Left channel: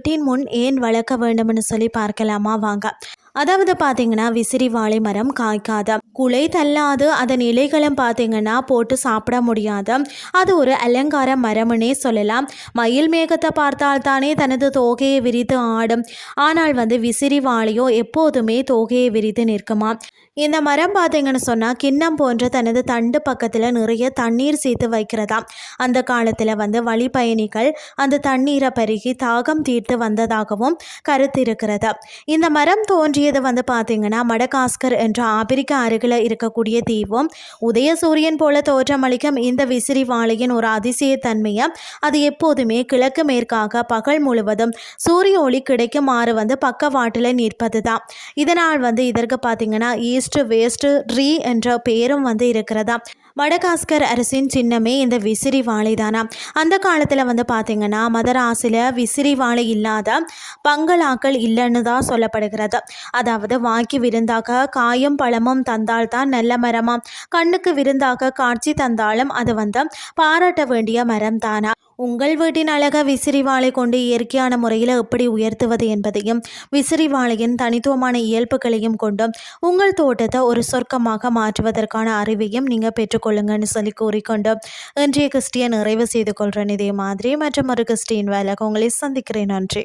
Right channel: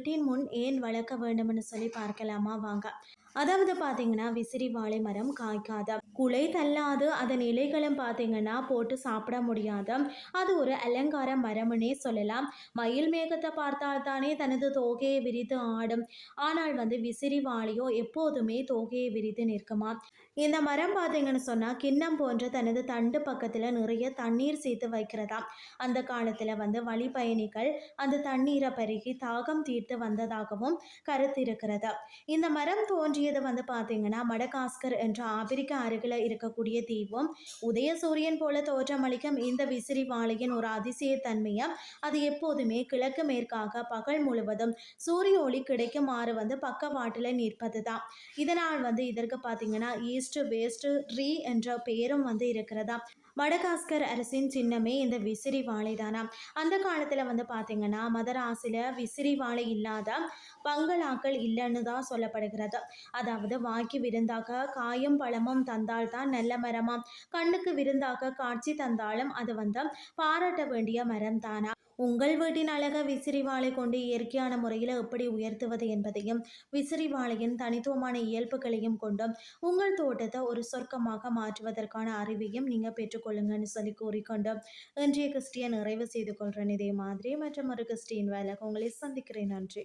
வீட்டின் முன் ஏன் வளர்க்க வேண்டும்னு சொல்லி பார்க்கலாமா வாங்க. அதாவது பார்த்தீங்கன்னா விசிறி வாழை மரம் காய்க்காத குலை தள்ளாது, அதன் இலைகளும் பார்த்தீங்கன்னா போட்டு சாப்பிட முடியாத அது ஒரு அலங்கார மரம்னே சொல்லலாம். மயில் மேகத்தை பார்த்தால் தானே தனது தோகையை விரித்து ஆடும். ஆனால் விசிறி வாழையோ எப்போதுமே தோகையை விரித்து நிற்குமா. இந்த மரம் பார்த்தீங்கன்னு சொன்னால் கிண்ணம் போன்ற தனது தண்டு பக்கத்தில் நிறைய தண்ணீர் சேர்த்து வைக்கிறதா. அந்த காலத்தில் வழி பயணிகள் அந்த தண்ணீரை பருகி தாகம் தீர்த்து வந்ததாகவும் கருத்து இருக்கிறது. இந்த மரம் தோன்றியது பார்த்தீங்கன்னா மடகாஸ்கர் என்ற ஆப்பிரிக்க அருகில் இருக்கக்கூடிய தீவும். உதயசூரியன் போல தோற்றமளிக்கும் இந்த விசிறி வாழையின் ஒரு அதிசயத்தன்மையை அது எப்போதுமே கிழக்கு மேற்காக பகல் முழுவதும் சூரிய ஒளி கிடைக்குமாறு பக்கவாட்டில் நிற்பது தான். இதனால் இதற்கு பார்த்தீங்கன்னா ஈஸ்ட் வேஸ்ட் ட்ரீ என்ற பெயரும் இருக்கிறதா. மடகாஸ்கர் அரசின் சின்னமே இந்த விசிறி வாழை தானா. அந்த காலத்தில் பார்த்தீங்கன்னா மதராசில் விசிறி வாழை இல்லாத பங்களாக்கள் இல்லைன்னு தான் சொல்லப்படுகிறது. அதாவது வாய்க்கு விருந்தாக காயும் பழமும் தந்தால் தான் நல்ல மரமாம். கண்ணுக்கு விருந்தாக காட்சி தந்தாலும் அது பாராட்ட வேண்டிய மரம் தானா. உங்கள் வீட்டின் அழகை விசிறி வாழை கொண்டு இயற்கையான முறையில் எப்படி உயர்த்துவது என்பதையும் விசிறி வாழையின் தனித்துவமான இயல்புகளையும் கொண்டும் உங்கள் தோட்டத்தை ஒரு சொர்க்கமாக மாற்றுவதற்கான அறிவையும் நீங்கள் பெற்றுக்கொள்ளுங்கன்னு சொல்லி கூறிக்கொண்டு இன்றைய கிறிஸ்டியை நிறைவு செய்து கொள்கிறேன். இதே மாதிரி மற்றும் ஒரு கிறிஸ்டின் வேலைக்கு உங்களை சந்திக்கிறேன். நன்றி.